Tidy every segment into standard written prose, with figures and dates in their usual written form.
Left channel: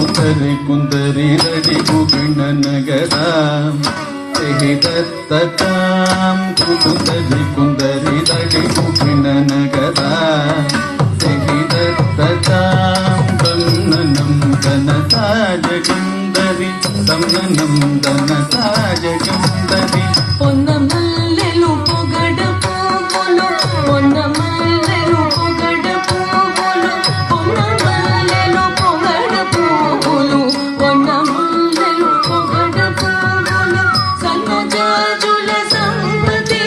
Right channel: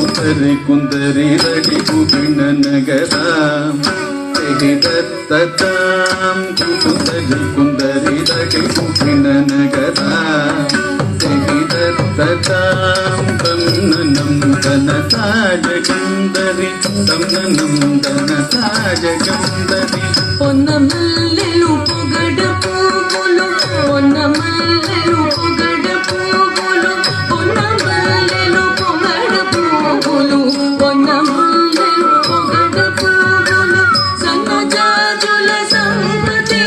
ಕುತರಿ ಕುಂದರಿ ರಡಿ ಕುಪಿಣ ನಗರ ದತ್ತಾಂ ಕುತರಿ ಕುಂದರಿ ರಡಿ ಕುಪಿಣ ನಗರ ದತ್ತಾಂ ತನ್ನನಂ ಧನತಾಜ ಗಂಧರಿ ತನ್ನನಂ ಧನತಾಜ ಗಂಧರಿ పొన్నమల్లెలు పొగడ పువ్వులు పొన్నమల్లెలు పొగడ పువ్వులు పొన్నమల్లెలు పొగడ పువ్వులు పొన్నమల్లెలు పొగడ పువ్వులు సన్నజాజుల సంపతి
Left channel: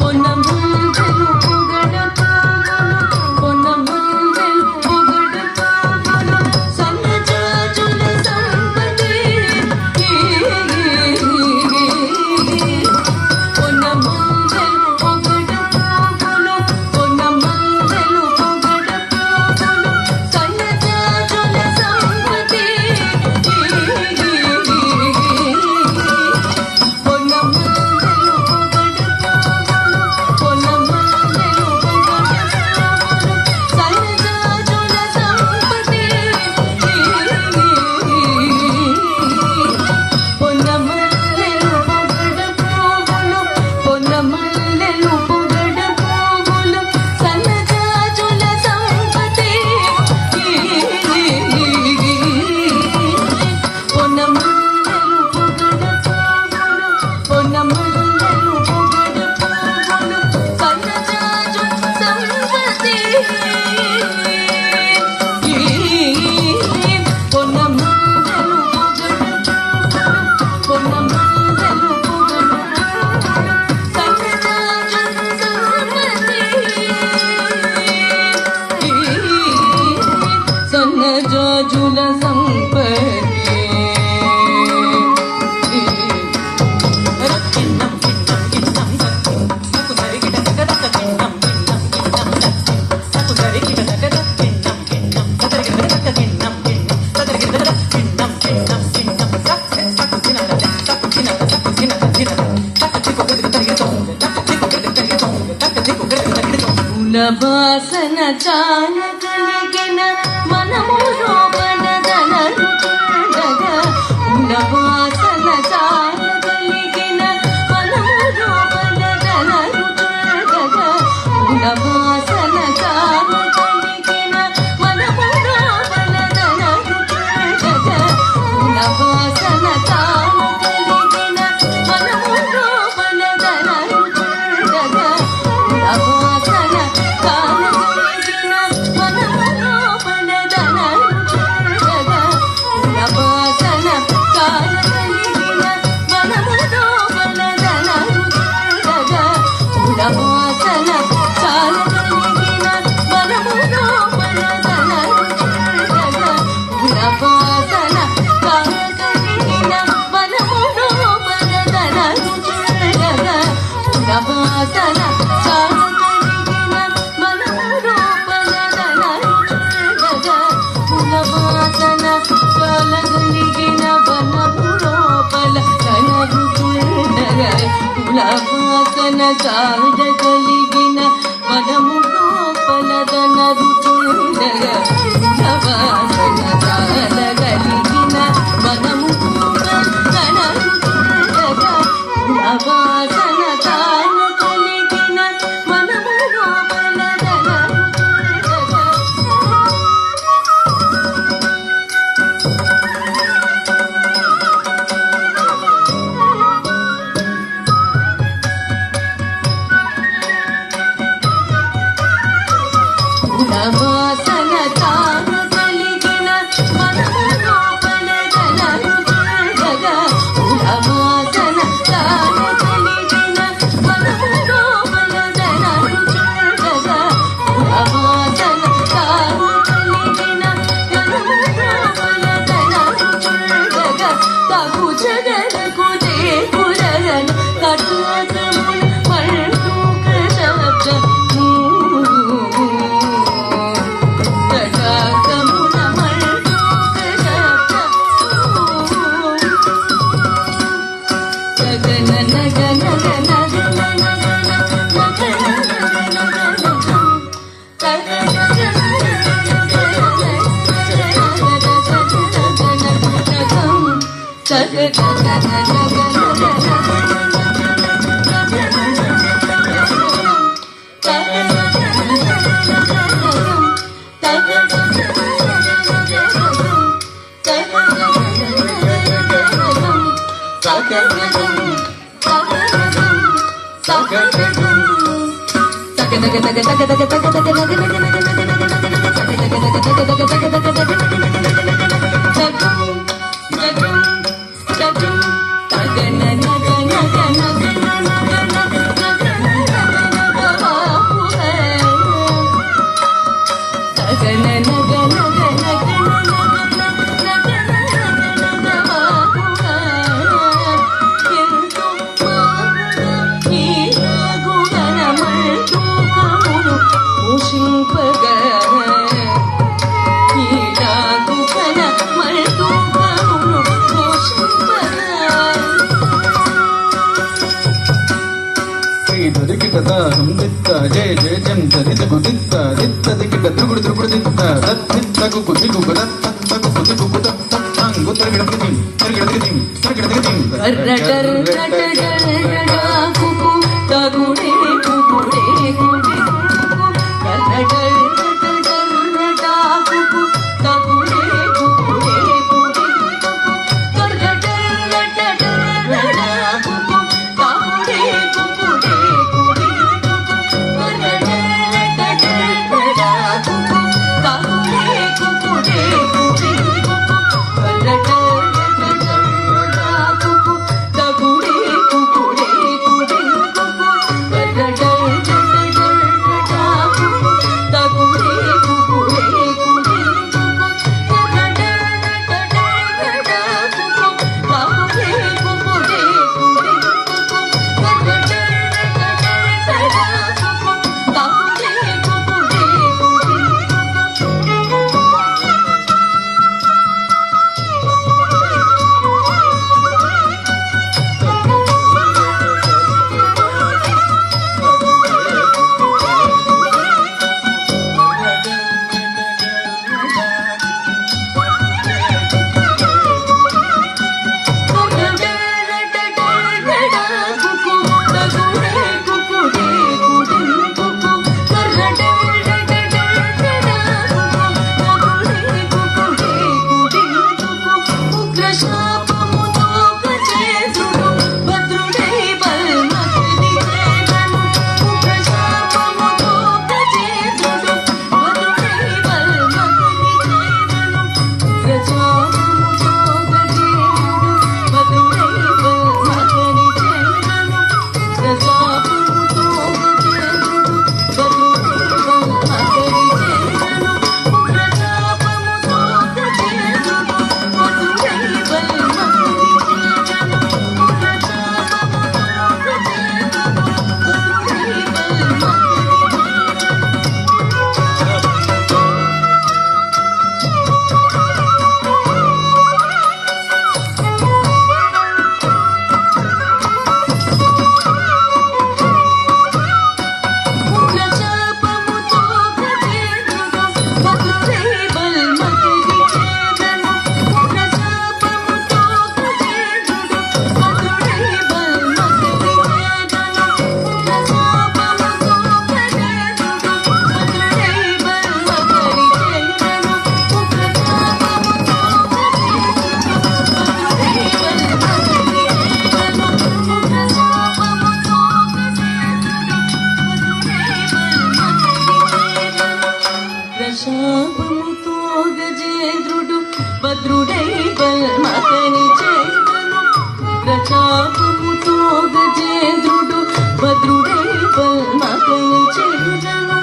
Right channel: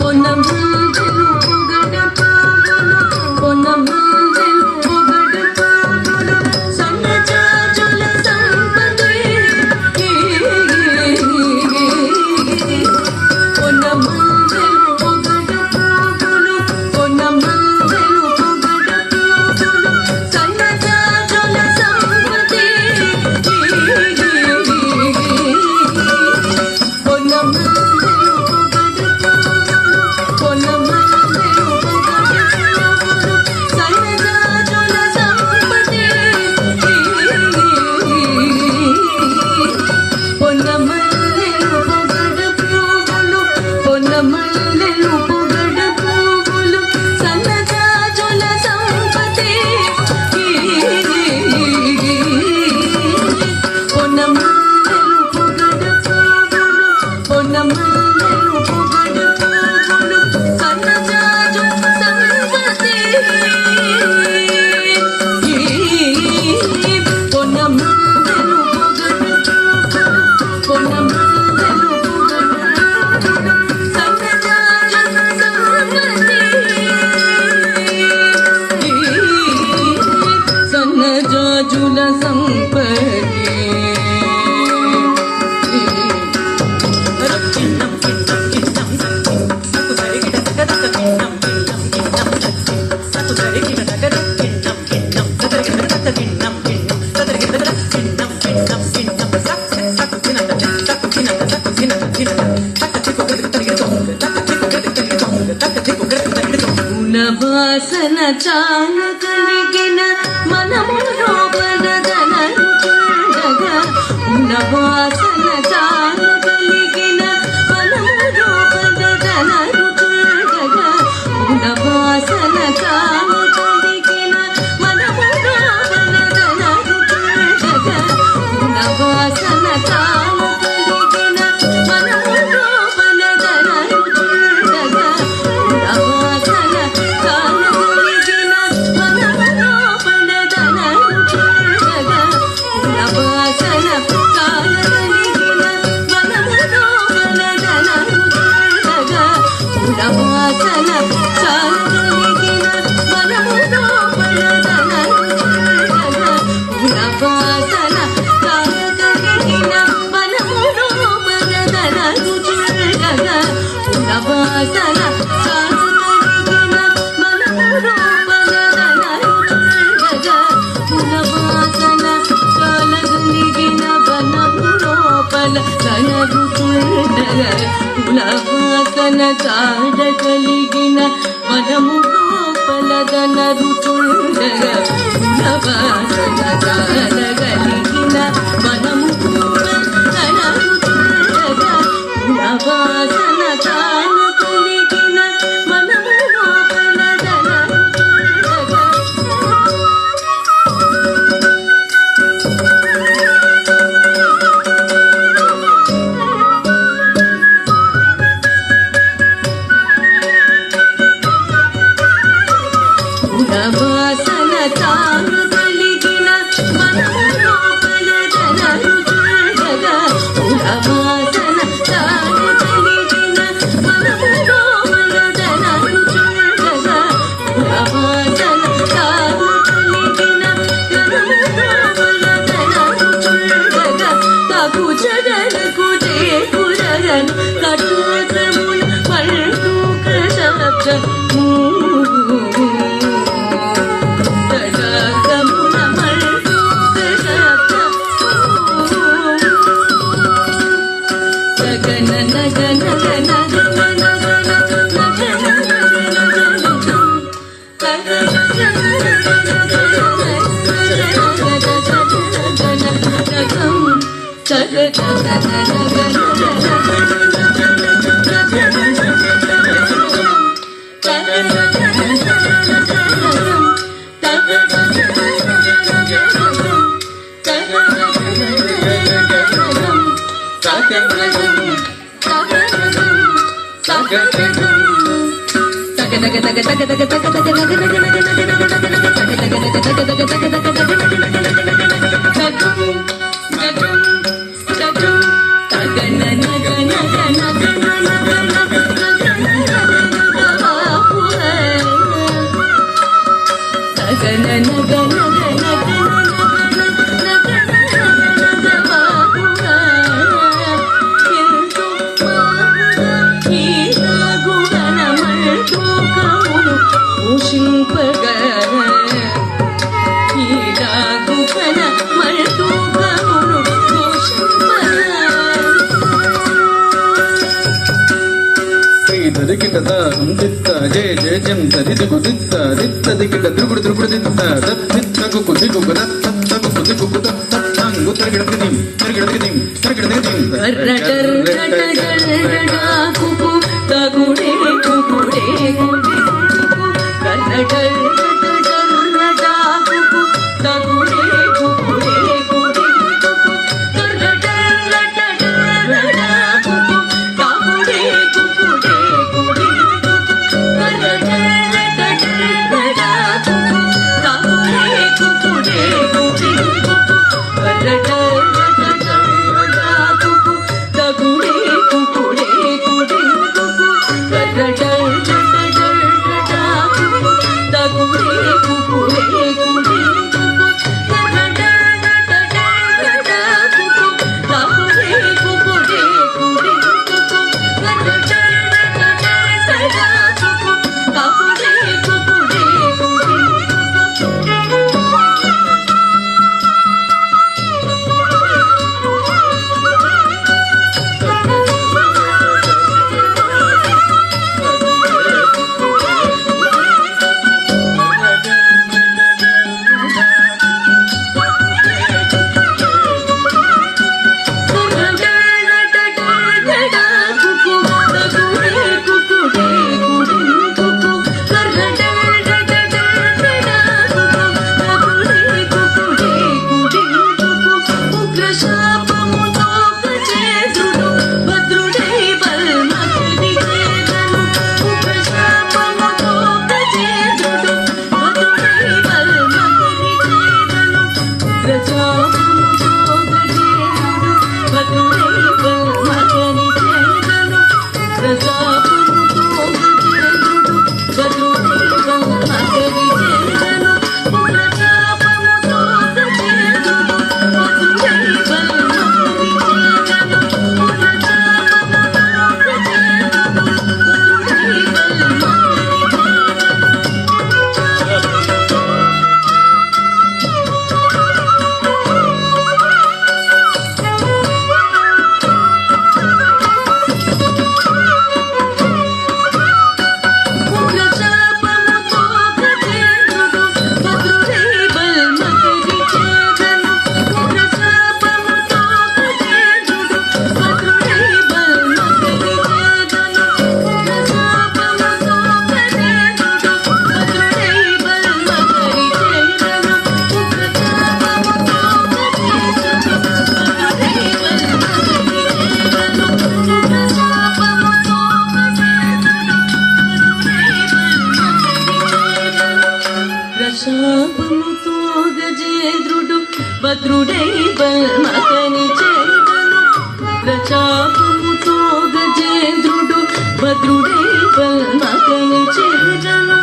పొన్నమల్లెలు పొగడ పువ్వులు పొన్నమల్లెలు పొగడ పువ్వులు సన్నజాజుల సంపతి పొన్నమల్లెలు పొగడ పువ్వులు పొన్నమల్లెలు పొగడ పువ్వులు సన్నజాజుల సంపతి పొన్నమల్లెలు పొగడ పువ్వులు పొన్నమల్లెలు పొగడ పువ్వులు సన్నజాజుల సంపతి పొన్నమల్లెలు పొగడ పువ్వులు పొన్నమల్లెలు పొగడ పువ్వులు సన్నజాజుల సంపతి పొన్నమల్లెలు పొగడ పువ్వులు పొన్నమల్లెలు పొగడ పువ్వులు సన్నజాజుల సంపతి పొన్నమల్లెలు పొగడ పువ్వులు పొన్నమల్లెలు పొగడ పువ్వులు సన్నజాజుల సంపతి సన్నజాజుల సంపతి వాసన చాల కలిగిన మనము లోపలదనరు చూడగా వాసన చాల కలిగిన మనము లోపలదనరు చూడగా వాసన చాల కలిగిన మనము లోపలదనరు చూడగా వాసన చాల కలిగిన మనము లోపలదనరు చూడగా వాసన చాల కలిగిన మనము లోపలదనరు చూడగా వాసన చాల కలిగిన మనము లోపలదనరు చూడగా వాసన చాల కలిగిన మనము లోపలదనరు చూడగా వాసన చాల కలిగిన మనము లోపలదనరు చూడగా వాసన చాల కలిగిన మనము లోపలదనరు చూడగా వాసన చాల కలిగిన మనము లోపలదనరు చూడగా వాసన చాల కలిగిన మనము లోపలదనరు చూడగా వాసన చాల కలిగిన మనము లోపలదనరు చూడగా వాసన చాల కలిగిన మనము లోపలదనరు చూడగా వాసన చాల కలిగిన మనము లోపలదనరు చూడగా వాసన చాల కలిగిన మనము లోపలదనరు చూడగా వాసన చాల కలిగిన మనము లోపలదనరు చూడగా తగు జగలకు చేకురగను కటువసమున పల్టు కృషభ గణ జయ జయ జంత దిగు దిత్త దిత్త దిగిట తిరుగుడు తిరుగుడు దిత్త దత్తిత్తకు కుదిగు దత్తకు కుదిగు దత్తంగు తిరగడది తిరగడది తిరగడది కుకు తగుడే కుకుడే కుడి కర్రటల్ భద్రుడై బల్మకని చేదను ప్రతాపముతో గజేంద్రుడు భద్రుడై బల్మకని చేదను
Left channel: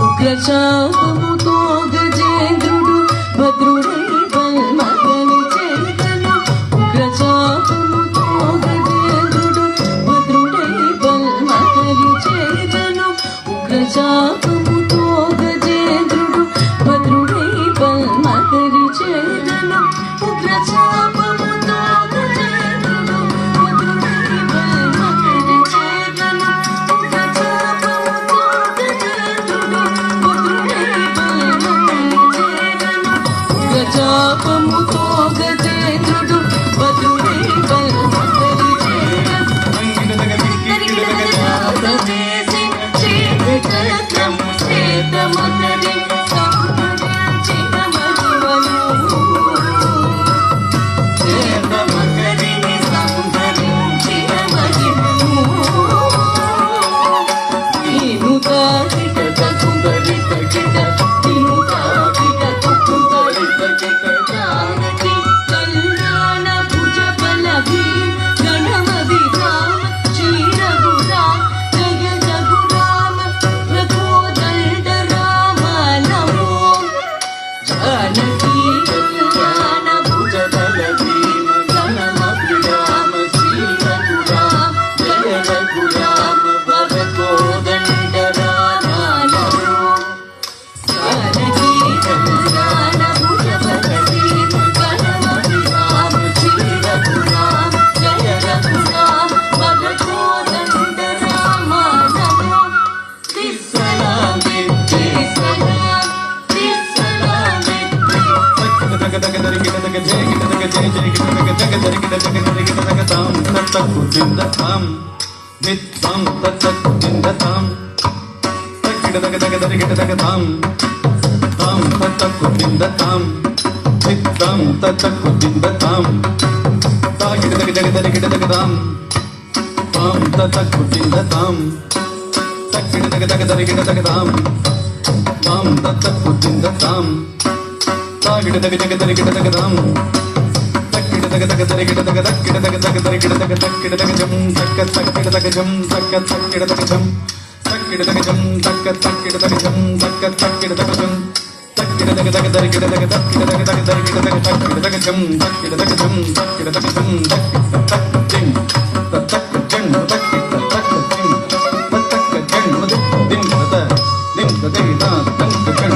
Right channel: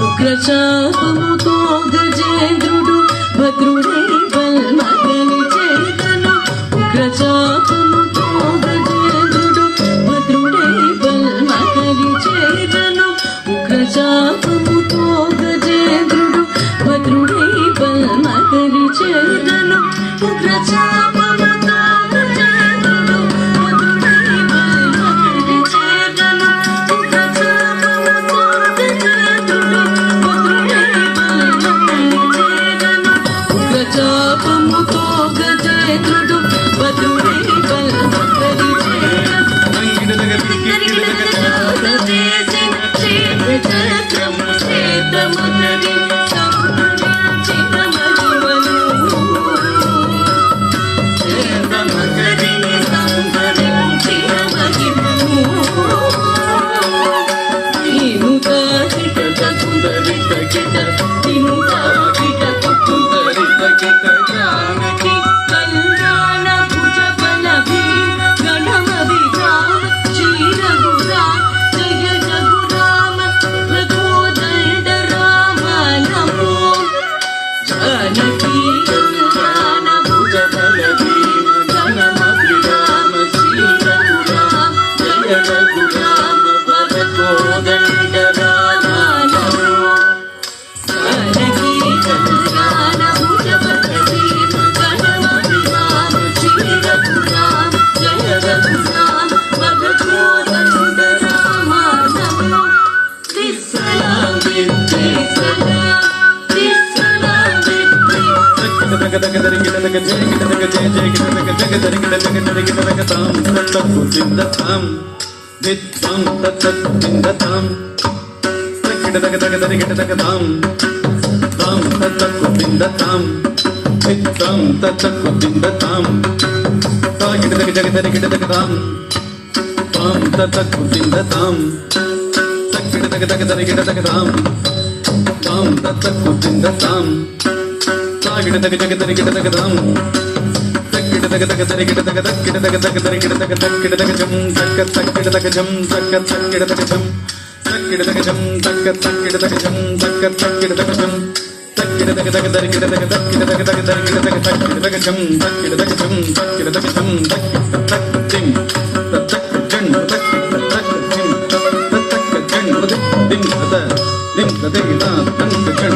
ఉగ్రచాపముతో గజేంద్రుడు భద్రుడై బల్మకని చేదను ఉగ్రచాపముతో గజేంద్రుడు భద్రుడై బల్మకని చేదను ఉగ్రచాపముతో గజేంద్రుడు భద్రుడై బల్మకని చేదను ఉగ్రచాపముతో గజేంద్రుడు భద్రుడై భద్రుడే బల్మగని చేర చేసిన క్షేత్రము క్షేత్రమన్నది సంహరించిన మహిమను క్షేత్రమన్నదిని సంహరించిన మహిమను నీవు కాకిట సుందరిత కిట నీవు కాకిట సుందరిత కిట జానకి కళ్యాణ భుజ బల భీమ గణమ విరామ శ్రీ రఘురామ జయ రఘురామ రఘోదండ రామ నమో జానకి కళ్యాణ భుజ బల భీమ గణమ విరామ శ్రీ రఘురామ జయ రఘురామ రఘోదండ రామ నమో జానకి కళ్యాణ భుజ బల భీమ గణమ విరామ శ్రీ రఘురామ జయ రఘురామ రఘోదండ రామ నమో త్రిసలాం విద్యే సలాం త్రిసలాం విద్యే తగ తగ దరి గిట తగ జయ గిట తగ జయ జయ గిట తగ జగ దరి గిట తగ దరి గిట తగ తాం తత్తు సింద తాం విత్తాం తత్తు సింద తాం తగిట తగ తగ దరి గిట తగ తాం తాం తత్తు సింద తాం విత్తాం తత్తు సింద తాం తాగిట తగ జగ దరి గిట తగ తాం తాం తత్తు సింద తాం తగిట తగ తగ దరి గిట తగ తాం తాం తత్తు సింద తాం తాగిట తగ జగ దరి గిట తగ తాం తక్కిట తగ తగ దరి గిట తగ తక్కిట తగ తగ దరి గిట తగ తక్కిట తగ జం తక్క తక్కిట తగ జం తక్క తక్కిట తగ జం తక్కిట తగ జం తక్క తక్కిట తగ జం తక్క తక్కిట తగ జం తక్కిట తగ తగ దరి గిట తగ తక్కిట తగ తగ దరి గిట తగ తక్కిట తగ జం తక్కిట తగ జం తక్కిట తగ జం తక్కిట తక్క జిం తక్క జం తక్కిట తక్క జిం తక్క జం దిం పద దిం పద గిట తక్క జం